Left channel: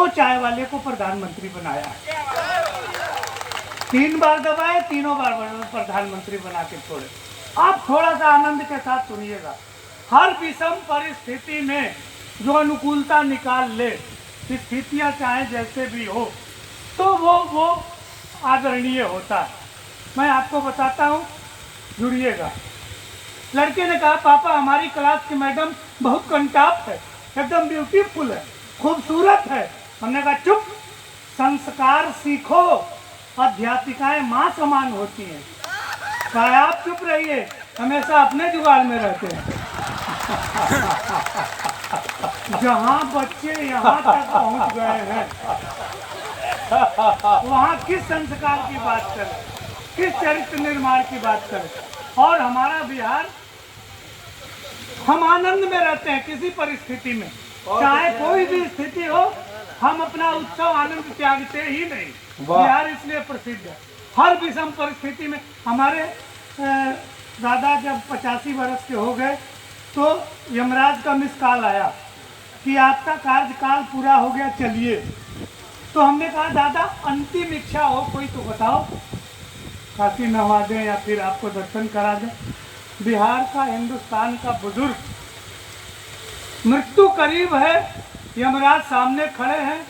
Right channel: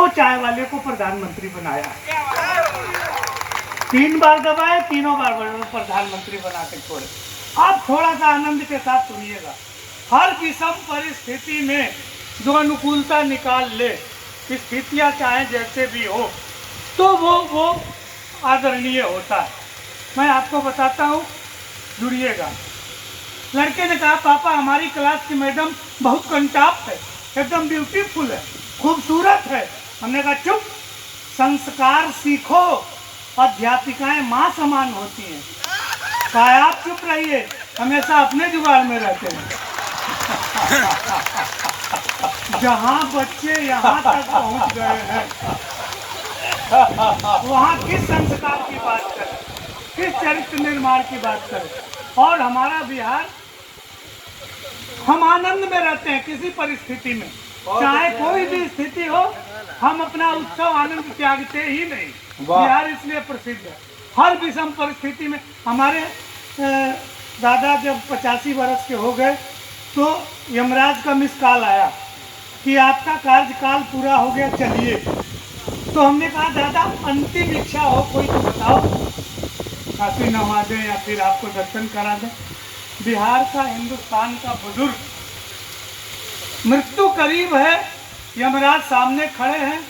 100 चाय वाले को प्रधानमंत्री बनाया। 3 बार दबाए, तीनों बार प्रधानमंत्री बना के छोड़े। आप थोड़ा सा आनंद के साथ सुनिएगा। हर विषम परिस्थिति में जो अनुकूलता निकाल ले, स्थितियाँ चाहे जैसे भी हो, तो वो आदरणीय होता है। मैं आपको बताता हूँ, जुड़िएगा। लड़के ने कहा, पापा हमारी क्लास की मैडम बहुत कंटाप है, एकदम ब्यूटीफुल है, खूबसूरत है। हमने कहा चुप, संस्कार सीखो, अध्यापिकाएं माँ समान होती हैं। कहा आप चुप रहिए, हमेशा अपने जुगाड़ में रहते हैं। जहाँ बच्चे यहाँ तक पहुँच गए हैं, वहाँ किस संस्कार की बात करें, किस चरित्र निर्माण की बात करें। और हमारा बिहार, हम आनंद में रहते हैं किसी परिस्थिति में, चाहे कोई भी स्थिति हो, हम अपना उत्सव आनंद त्यागते ही नहीं। बिहार इसलिए प्रसिद्ध है। हर विषम परिस्थिति में हमारे दादा जब 85 वर्ष के हो गए तो यमराज का मिस कॉल आया कि आपका कार्यकाल पूरा हो गया, चलिए। तो हमने कहा दादा अंतिम इच्छा हो कोई तो बताओ, काशी नवा दें या फिर आपको दर्शन करा दें। बिहार का, हिंदुस्तान का बुजुर्ग, मृत्यु करीब है, यमराज सामने खड़े हैं,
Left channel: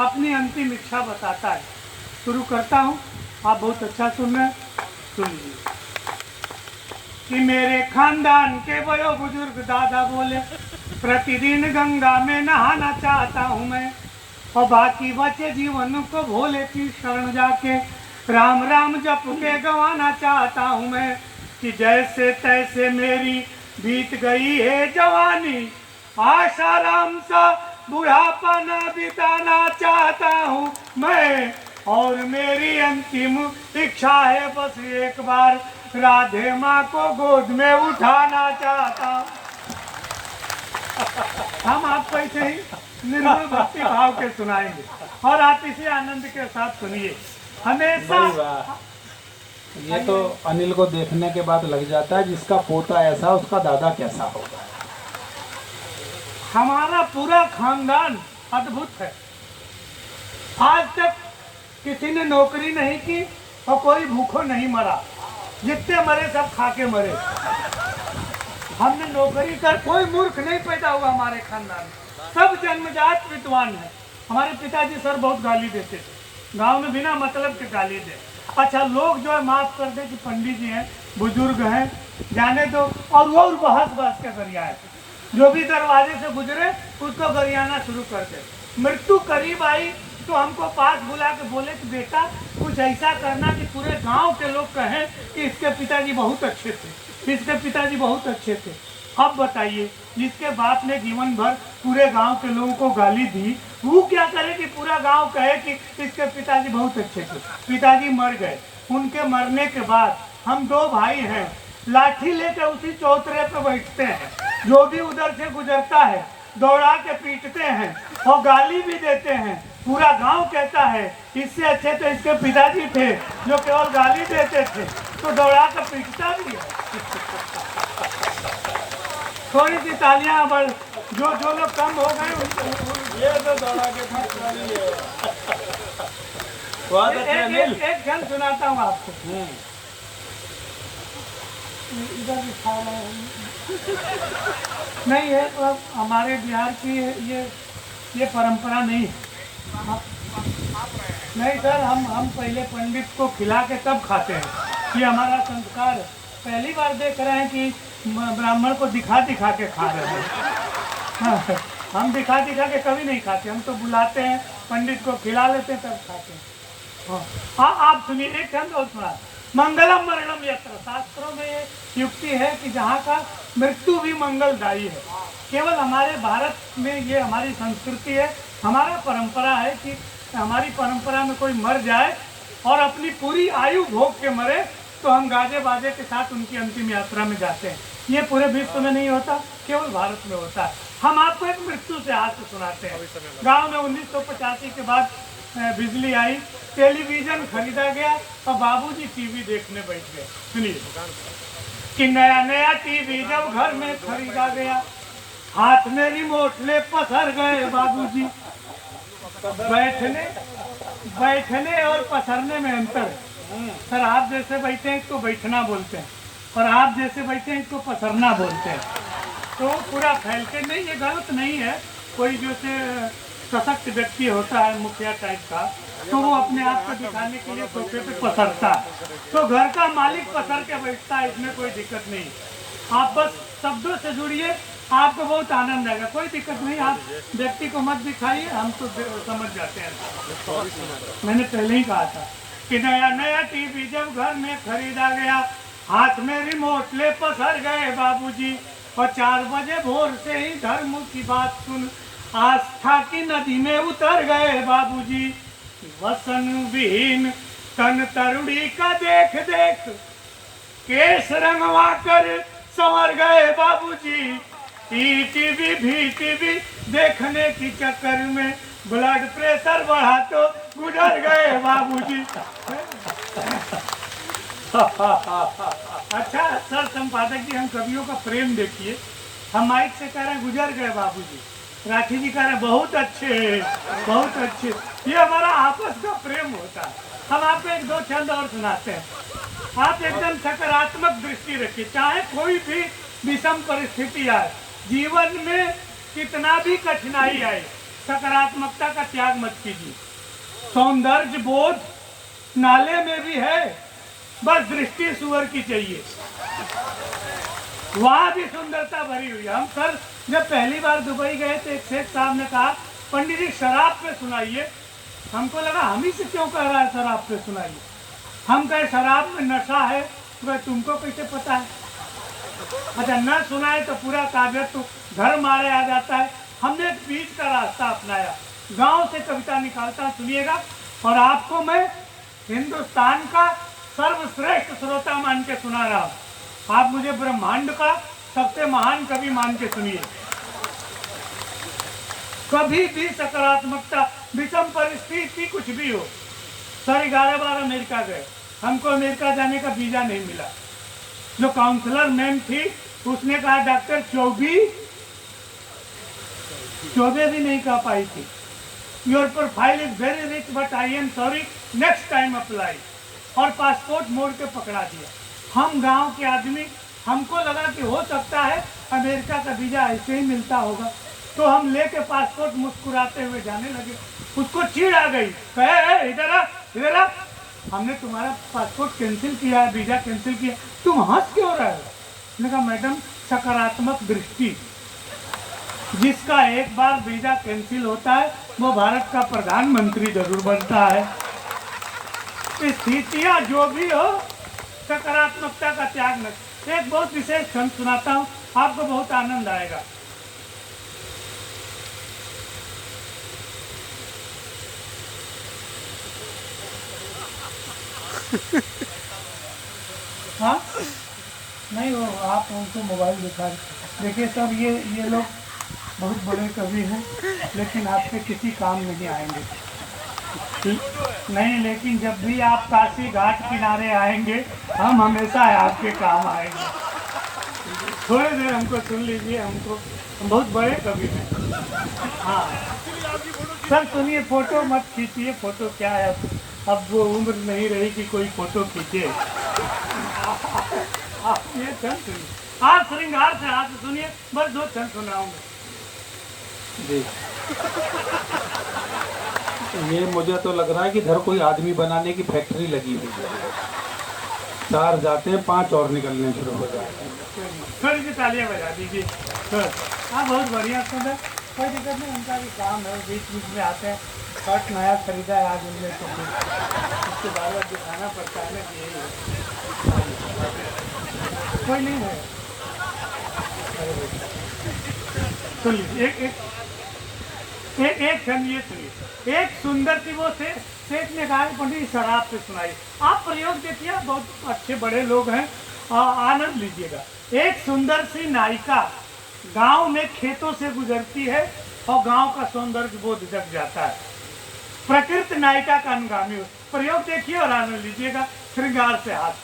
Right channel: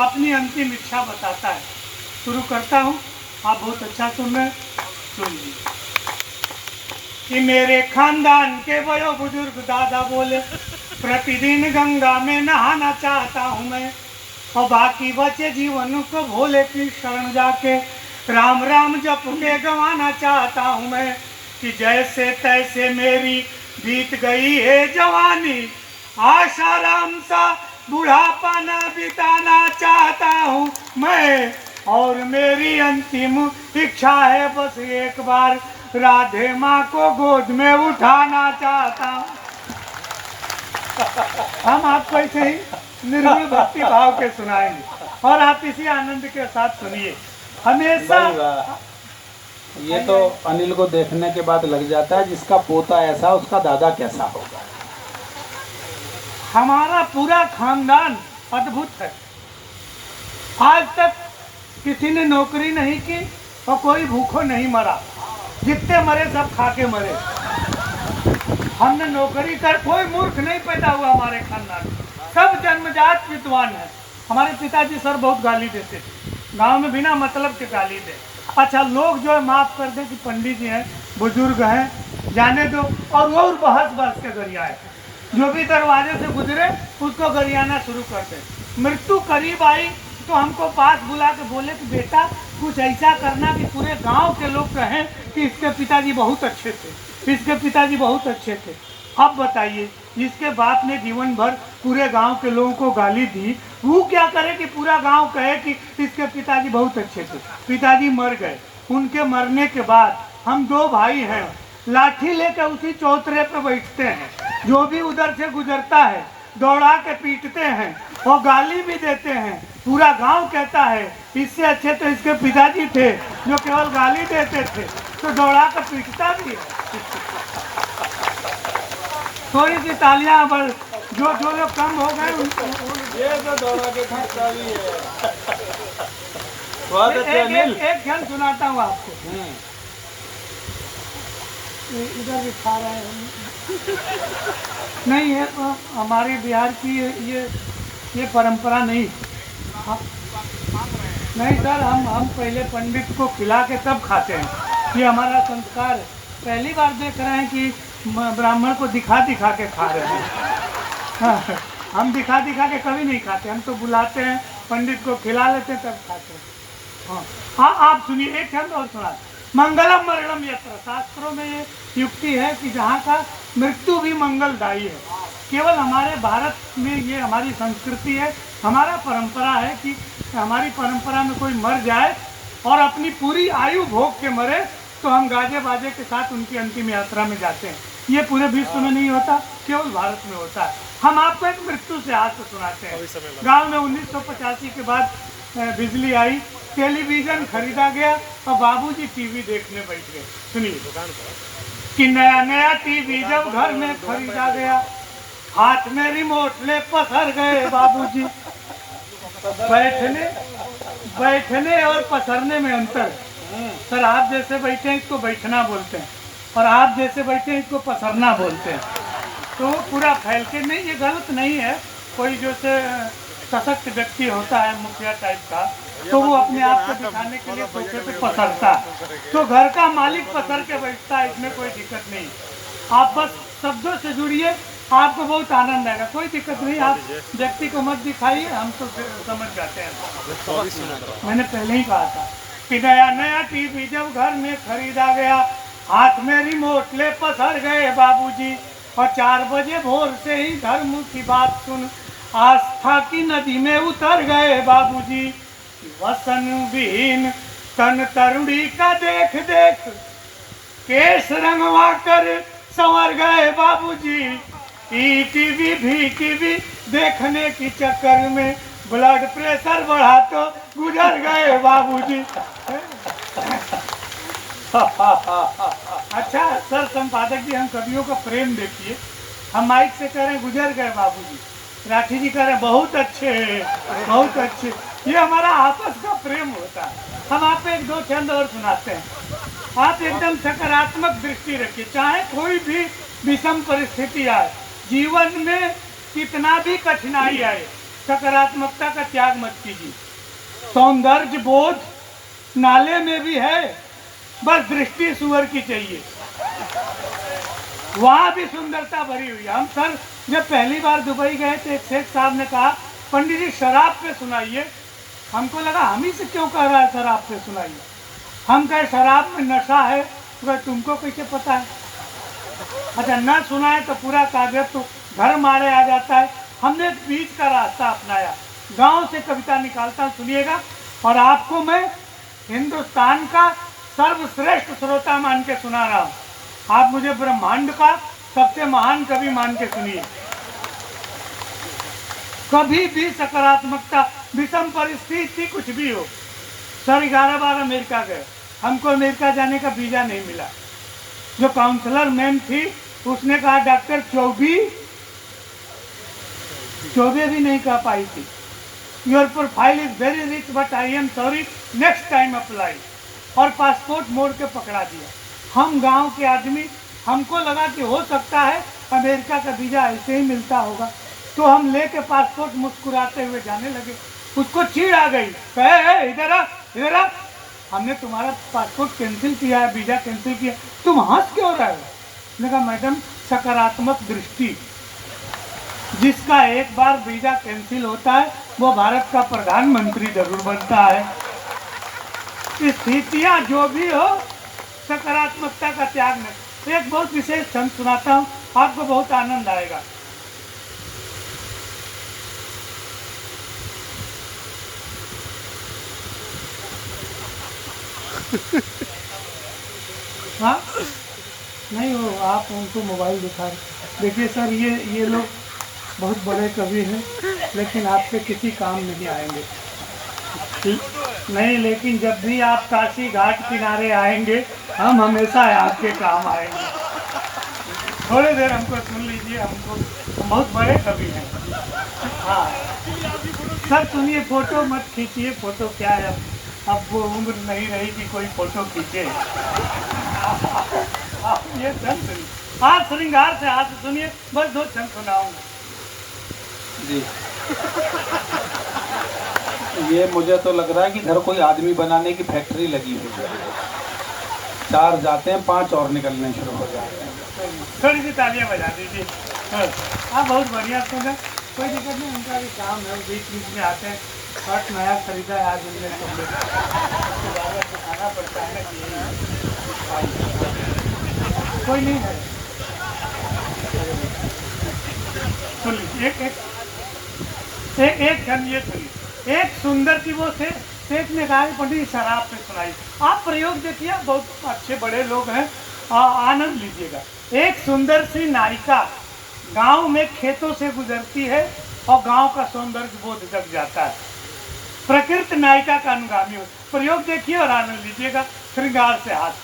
अपनी अंतिम इच्छा बताता है। शुरू करता हूँ, आप बहुत अच्छा सुन रहे हैं, सुनिए। कि मेरे खानदान के बड़े बुजुर्ग दादा बोले, प्रतिदिन गंगा में नहाना चाहता हूँ मैं, और बाकी बचे जीवन को भोले की शरण जाके राम राम जप के गंवाना चाहता हूँ मैं। कि जैसे तैसे मेरी बीत गई है जवानी, आशाराम सा बुढ़ापा ना बिताना चाहता हूँ मैं। और मेरी अंतिम इच्छा है बस एक बार राधे माँ को गोद में उठाना चाहता हूँ। हम आपको ऐसे ही निर्मल भक्ति भाव के सुनाएंगे और आप इसी आनंद के साथ सुनिए हमेशा। ये तो अनिल को देखने के बाद लग जाता है, जिसका पोता ऐसा उसका दादा कैसा होगा। हमारा पूरा खानदान अद्भुत है। आज तक किसी ने नौकरी नहीं की और कोई भूखों नहीं मरा, जितने मरे सब खा के मरे। हमने नौकरी कर, कोई मूर्ख नहीं पैदा हुआ हमारे खानदान में, सब जन्मजात विद्वान है। हमारे पिताजी सर बहुत गाली देते थे, गांव में बिना मतलब के गाली दे। अच्छा, लोग जो माफ कर दे कि पंडित जी हैं, बुजुर्ग हैं, जाने दो, और वो बहस बहस के गरियाए, जो भी दरवाजे से गुजरे उसको गरियाना शुरू कर दे। मृत्यु करीब आई तो हमको पास बुला के बोले कि बेटा कुछ ऐसा करना कि पूरे गांव के लोग कहें कि इसके पिताजी बहुत अच्छे थे, इसके पिताजी बहुत अच्छे थे। अब बताइए, जिसके बाप ने जीवन भर पूरे गांव के लोगों को गाली दी, वो क्या करे कि पूरा गांव कहे कि इसके पिताजी बहुत अच्छे थे। पिताजी मर गए, उनके मरने के बाद हम 2 भाई हैं, लाठी लेकर उसी चौतरे पे बैठते हैं, जो भी उधर से गुजरता है दौड़ा के पीटते हैं और गाली भी देते हैं। पूरा गांव कहता है इससे अच्छे तो इसके पिताजी थे जो केवल गाली देते थे, तो दौड़ा के पीटता भी है। थोड़ी सी तालियां, जो लोग कम हो गए ये तो दौड़ा के पीटता भी है। एक खेल सुनाता हूँ आपको। इधर भी खा रहे हैं नहीं है तो हमारे बिहार की ये परंपरा नहीं। नहीं सर, हम पहले पंडित को खिला के तब खाते हैं, ये हमारा संस्कार है। पहली बार देख रहे हैं कि ब्राह्मण को दिखा दिखा के खा रहे हैं। हम दिखा दिखा के कभी नहीं खाते, हम तो बुलाते हैं पंडित को खिला लेते हैं तब खाते हैं। हाँ, आप सुनिए, एक हम और सुना। मंगलम मरणम यत्र, शास्त्रों में ये युक्ति है कि जहाँ का मृत्यु भी मंगलदायी है। केवल हमारे भारत में ये हमारी संस्कृति है, हमारा परंपरा है कि हमारी परंपरा में कोई मर जाए और अपनी पूरी आयु भोग के मरे तो हम गाजे बाजे के साथ उनकी अंतिम यात्रा में जाते हैं। ये पूरे विश्व में नहीं होता, केवल भारत में होता है। हम आपको एक मृत्यु से हाथ सुनाते हैं। गाँव में 1985 के बाद बिजली आई, टेलीविजन खरीदा गया और बाबूजी टीवी देखने बैठ गए। सुनिए कि नया नया टीवी जब घर में खरीदा गया, हाथ में रिमोट ले पसर गए बाबूजी। बैठने बैठने और पसरने में अंतर है। सर आप जैसे बैठे हैं इसको बैठना बोलते हैं, और आप जैसे बैठे हैं इसको पसरना बोलते हैं। तो वो पूरा फैल के नहीं, ये गलत नहीं है। कोई जैसे सशक्त व्यक्ति होता है मुखिया टाइप का, तो वो अपने आप को दिखाने के लिए सोफे पे पसरता है, तो घर का मालिक पसर के बैठता है, इसमें कोई दिक्कत नहीं। आप बस शब्दों से जुड़िए, आपको बहुत आनंद आएगा, कोई दिक्कत नहीं। आप व्यक्ति को मत दिखाइए, हम तो समझ जाते हैं। मैंने पहले ही कहा था कि नया नया टीवी जब घर में खरीदा गया, हाथ में रिमोट ले पसर गए बाबूजी, और 4 बजे भोर से ही धर्म की बात सुन आस्था की नदी में उतर गए बाबूजी। वसन विहीन तन तरुणी का देख देख केस रंगवा कर संवर गए बाबूजी। टीवी भी टीवी देखने की चक्कर में ब्लड प्रेशर बढ़ा तो गुजर गए बाबूजी। अच्छा सर संपादक जी, हम कवियों का प्रेम देखिए। हम माइक से कह रहे हैं गुजर गए बाबूजी, राठी जी कह रहे हैं बहुत अच्छे बहुत अच्छे। ये हमारा आपस का प्रेम होता है। हम आपको 1-2 छंद और सुनाते हैं। आप एकदम सकारात्मक दृष्टि रखिए, चाहे कोई भी विषम परिस्थिति आए, जीवन में कितना भी कठिनाई आए, सकारात्मकता का त्याग मत कीजिए। सौंदर्य बोध नाले में भी है, बस दृष्टि सुअर की चाहिए, वहां भी सुंदरता भरी हुई है। हम सर जब पहली बार दुबई गए थे, एक शेख साहब ने कहा पंडित जी शराब पे सुनाइए। हमको लगा हम ही से क्यों कह रहा है शराब पे सुनाइए। हम कहे शराब में नशा है, तो तुमको कैसे पता है। अच्छा न सुनाए तो पूरा कागज तो घर मारे आ जाता है। हमने एक बीच का रास्ता अपनाया, गांव से कविता निकालता, सुनिएगा। और आपको मैं हिंदुस्तान का सर्वश्रेष्ठ श्रोता मान के सुना रहा हूँ, आप मुझे ब्रह्मांड का सबसे महान कवि मान के सुनिए। कभी भी सकारात्मकता, विषम परिस्थिति कुछ भी हो। सर 11 बार अमेरिका गए, हमको अमेरिका जाने का वीजा नहीं मिला। जो काउंसलर मैम थी उसने कहा डॉक्टर चौबे भी नहीं कह पाई थी, your profile is very rich but I am sorry, next time apply. और पासपोर्ट मोड़ के पकड़ा दिया। हम गांव के आदमी, हमको लगा कि हो सकता है अमेरिका का वीजा ऐसे ही मिलता होगा, तो हम लेके पासपोर्ट मुस्कुराते हुए जाने लगे। उसको चिढ़ आ गई, कहे इधर आ इधर आ, हमने तुम्हारा पासपोर्ट कैंसिल किया है, वीजा कैंसिल किया, तुम हंस क्यों रहे हो। मैंने कहा मैडम सकारात्मक दृष्टि, जिसका एक बार वीजा कैंसिल होता है वो भारत का प्रधानमंत्री जरूर बनता है। स्थितियां जो भी हो, सकारात्मकता का त्याग न। एक बहुत विशेष छंद सुनाता हूँ, आपको बहुत आनंद आएगा। हाँ नहीं, वो आप उनको मोबाइल दिखा। देखिए सर, ये लोग बहुत बड़े कवि हैं, लेकिन आपके किसी काम नहीं आएंगे। नहीं, लेकिन जब भी आप काशी घाट किनारे आएंगे, हम हमेशा आपके काम आएंगे। थोड़ी देर हमको सुन लीजिए, हम बहुत बड़े कवि हैं। हाँ सर सुनिए, फोटो मत खींचिए, फोटो क्या है, अब वो उम्र नहीं रही कि कोई फोटो खींचे। ये छंद सुनिए, हाँ श्रृंगार से हाथ सुनिए, बस 2 छंद सुनाऊंगा जी। ये मुझे तो लग रहा है कि इधर कोई आदमी बनाने की फैक्ट्री लगी हुई है। 4 जाते हैं, 5 और निकलने शुरू हो जाते हैं। थोड़ी सी तालियां बजा दीजिए। हाँ बहुत बढ़िया सुना, कोई दिक्कत नहीं, उनका भी काम है, बीच बीच में आते हैं। शर्ट नया खरीदा है आज उन्हें, तो दिखाना पड़ता है ना कि कोई नहीं है। सुनिए एक क्षण ये सुनिए। एक सुंदर सी वो थे, शेख ने कहा पंडित शराब से सुनाई। आप प्रयोग देखिए, बहुत अच्छे बड़े लोग हैं, आनंद लीजिएगा। एक सुंदर सी नायिका गांव में खेतों से गुजरती है और गांव का सौंदर्य बोध जग जाता है। प्रकृति नायिका का अनुगामी हो। प्रयोग देखिए और आनंद लीजिएगा। श्रृंगार से हाथ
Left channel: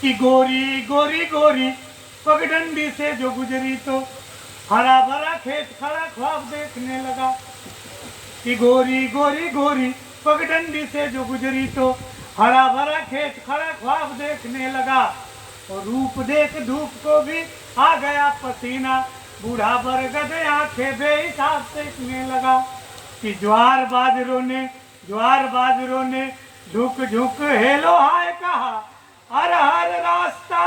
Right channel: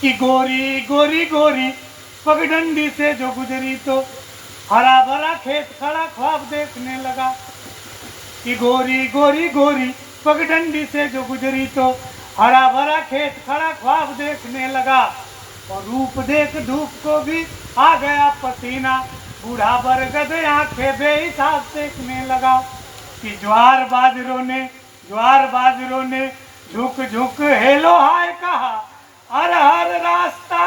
कि गोरी गोरी गोरी पगडंडी से जो गुजरी तो हरा भरा खेत खड़ा ख्वाब देखने लगा। कि गोरी गोरी गोरी पगडंडी से जो गुजरी तो हरा भरा खेत खड़ा ख्वाब देखने लगा, और रूप देख धूप को भी आ गया पसीना, बूढ़ा बरगद आंखें बेहिसाब देखने लगा। कि ज्वार बाजरों ने झुक झुक हेलो हाय कहा, हर हर रास्ता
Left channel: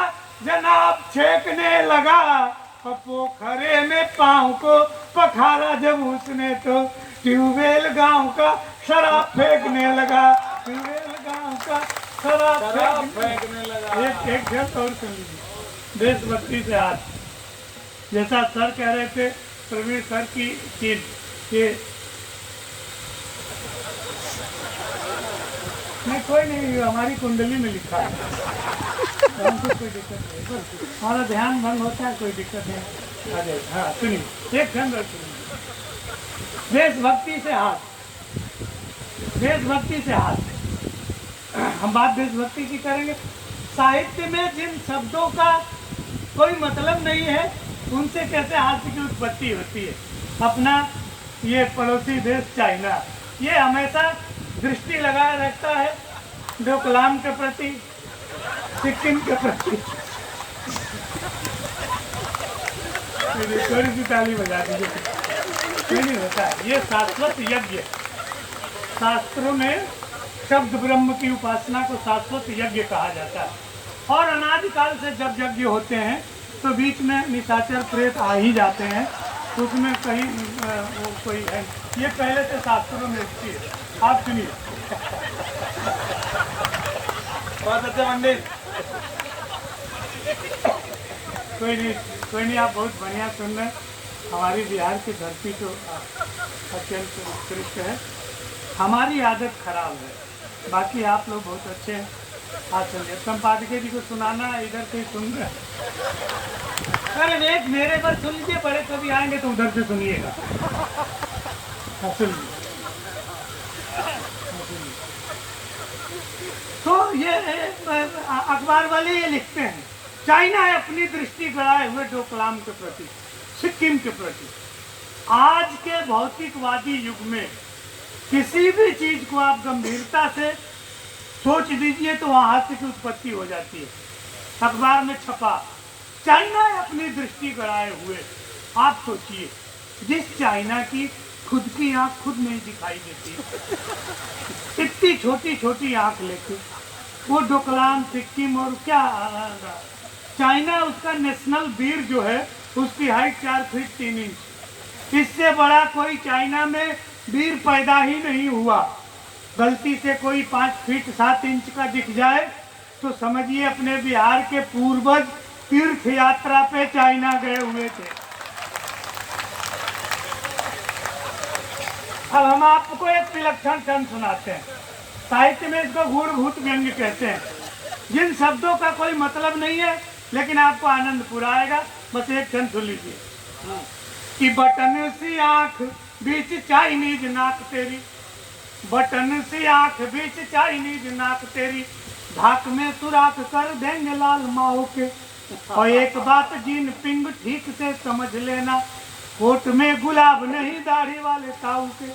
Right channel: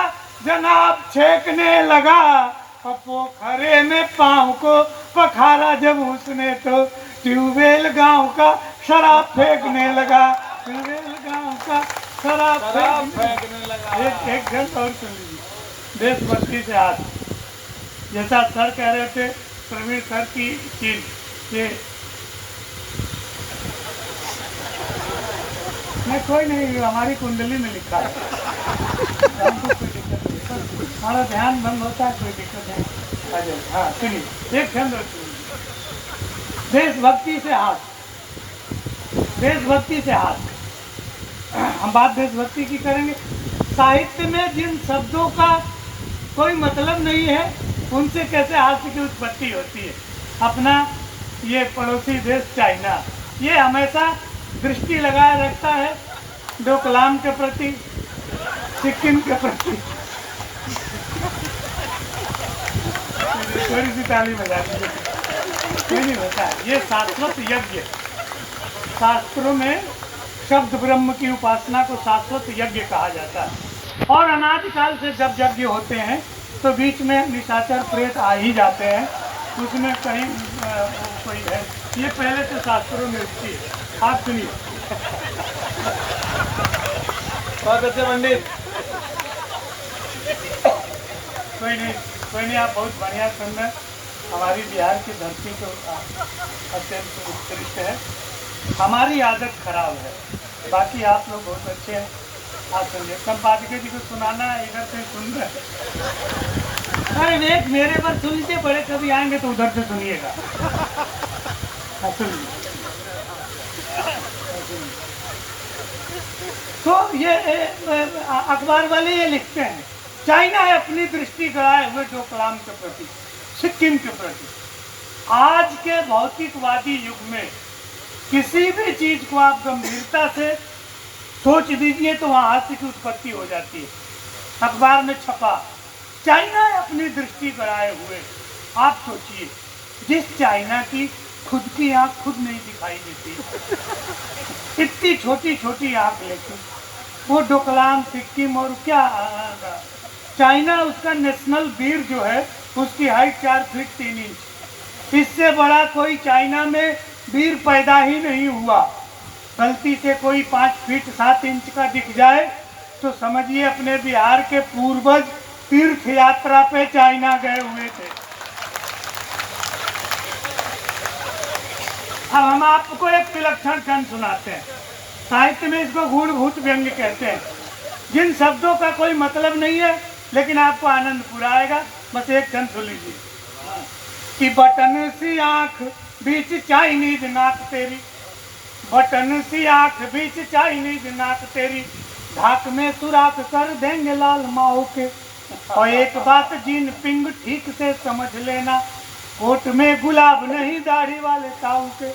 जनाब छेकने लगा, और पोखरे में पाँव को पखारा जब उसने तो ट्यूबवेल गांव का शराब फेंकने लगा, ट्यूबवेल गांव का शराब फेंकने लगा। एक जन और सुन लीजिए, देशभक्ति से आज जैसा सर कह रहे थे, प्रवीण सर की चीज ये नहीं, कोई नहीं, हमारी कुंडली में लिखा है, हमको कोई दिक्कत नहीं है, हमारा ध्यान भंग होता है, कोई दिक्कत नहीं। अरे हाँ सुनिए, एक क्षण सुनिए। देशभक्ति से हाथ, देशभक्ति से हाथ, हम बात देशभक्ति की करेंगे। साहित्य में जिन शब्दों का कोई मतलब नहीं है, उनसे कैसे हास्य की उत्पत्ति होती है। अपना ये पड़ोसी देश चाइना, ये हमेशा दृष्टि लगाए रखता है डोकलाम के प्रति, सिक्किम के प्रति। थोड़ी सी ताली बजा दीजिए, कोई नहीं होता है। ये शाश्वत यज्ञ, शास्त्रों में शब्द ब्रह्म की उपासना को शाश्वत यज्ञ कहा जाता है। और अनादिकाल से जब यज्ञ होते हैं तो बीच में निशाचर प्रेत आ ही जाते हैं, उसमें कहीं कोई है, ये पहले तो शास्त्रों में इसकी है। आप सुनिए, पंडित कोई नहीं, आप बहुत बढ़िया सुंदर, हमारी बिहार की धरती को अत्यंत उत्कृष्ट है। हमारी आदत खराब है, बाकी आप लोग बहुत अच्छे हैं। आप सुनिए, संपादक जी को सुनाना इधर से सुन रहे, अरे एक मेरे पर सुन लीजिए, बड़े कभी आएंगे तो उधर से सुनिएगा। सुनिए, तो ये अखबार वाले ये लिखते हैं, चाइना है अपनी दृष्टि गड़ाए हुए डोकलाम के प्रति, सिक्किम के प्रति। आज के भौतिकवादी युग में किसी भी चीज को आप गंभीरता से सोच दीजिए तो वहां हास्य की उत्पत्ति हो जाती है। अखबार में छपा, चाइना है अपनी दृष्टि गड़ाए हुए। आप सोचिए, जिस चाइना की खुद की आंख खुद नहीं दिखाई देती, इतनी छोटी छोटी आंख लेके वो डोकलाम सिक्किम, और क्या चाइना, उसका नेशनल वीर जो है उसकी हाइट 4 फीट 3 इंच। इससे बड़ा कोई चाइना में वीर पैदा ही नहीं हुआ। गलती से कोई 5 फीट 7 इंच का दिख जाए तो समझिए अपने बिहार के पूर्वज तीर्थ यात्रा पे चाइना गए हुए थे। अब हम आपको एक विलक्षण खंड सुनाते हैं। साहित्य में इसको गूढ़भूत व्यंग्य कहते हैं। जिन शब्दों का कोई मतलब नहीं है लेकिन आपको आनंद पूरा आएगा। बस एक क्षण सुन लीजिए कि बटन सी आंख बीच चाइनीज नाक तेरी, बटन सी आंख बीच चाइनीज नाक तेरी, ढाक में सुराख कर देंगे लाल माओ के। और एक बात जीन पिंग ठीक से समझ लेना, कोट में गुलाब नहीं दाढ़ी वाले ताऊ के।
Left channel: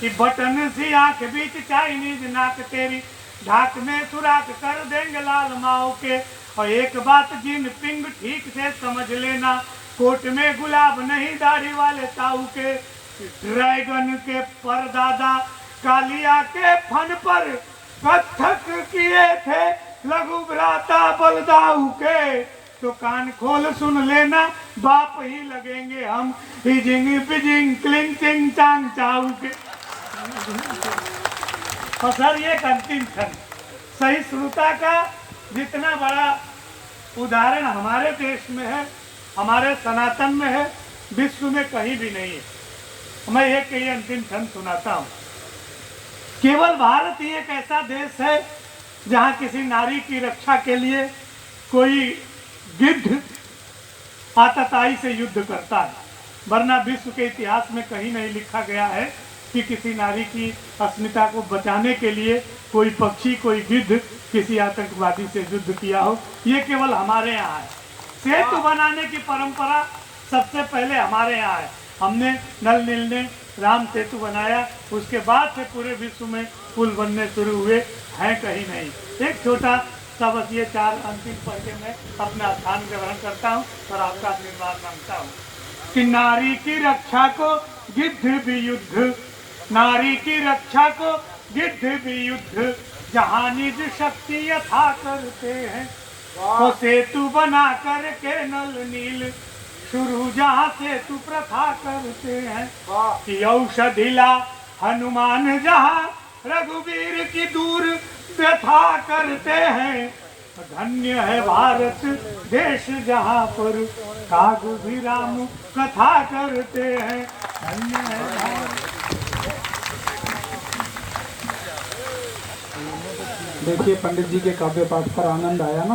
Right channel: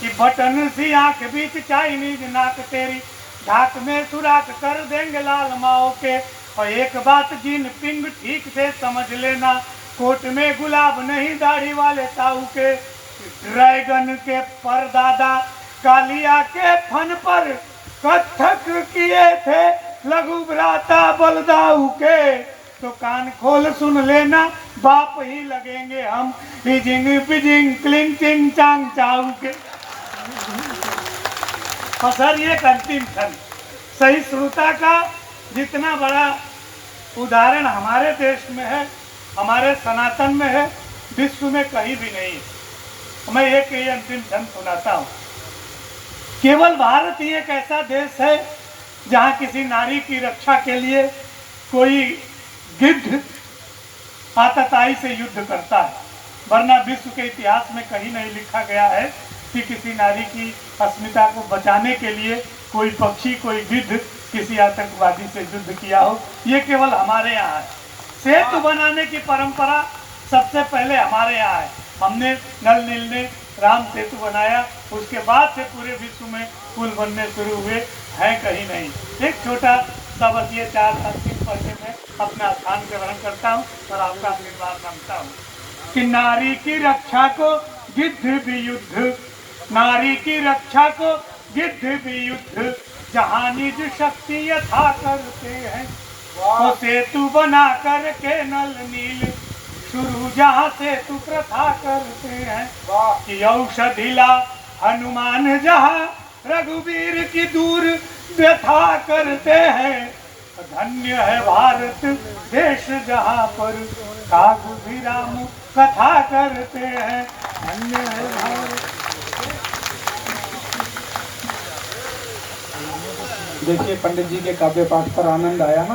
कि बटन सी आंख बीच चाइनीज नाक तेरी, ढाक में सुराख कर देंगे लाल माओ के। और एक बात जीन पिंग ठीक से समझ लेना, कोट में गुलाब नहीं दाढ़ी वाले ताऊ के। ड्रैगन के परदादा कालिया के फन पर कथक किए थे लघु भ्राता बलदाऊ के। तो कान खोल सुन लेना, बाप ही लगेंगे हम, हिजिंग पिजिंग क्लिंग चिंग चांग चाऊ के। और सर ये अंतिम क्षण सहिष्णुता का जितना बड़ा उदाहरण हमारे देश में है, हमारे सनातन में है, विश्व में कहीं भी नहीं है। मैं एक ही अंतिम क्षण सुनाता हूँ। केवल भारत ही एक ऐसा देश है जहाँ किसी नारी की रक्षा के लिए कोई गिद्ध आतताई से युद्ध करता है, वरना विश्व के इतिहास में कहीं नहीं लिखा गया है कि किसी नारी की अस्मिता को बचाने के लिए कोई पक्षी, कोई गिद्ध किसी आतंकवादी से युद्ध किया हो। ये केवल हमारे यहाँ है। सेतु बनाने की परंपरा सबसे पहले हमारे यहाँ है। हमने नल नील ने राम सेतु बनाया, उसके बाद से पूरे विश्व में पुल बनने शुरू हुए हैं, कहीं नहीं। एक छोटा सा बस ये 4 अंतिम पद्य में अपना स्थान ग्रहण करता हूँ और आपका आशीर्वाद मांगता हूँ कि नारी की रक्षा को जिद्ध भी युद्ध, नारी की रक्षा को जिद्ध भी युद्ध, जहाँ निज शक्ति यथा करते हैं, तो सेतु बना करके नल नील, शुरू जहाँ सेतु प्रथा करते हैं, कि औषधि ला हनुमान जहाँ रघुवीर की दूर व्यथा करते हैं, धन्य है भारत देश जहाँ पर कागु भी राम कथा करते हैं, धन्य है भारत। देखिए पंडित जी के काव्य पाठ पर आनंद आया ना।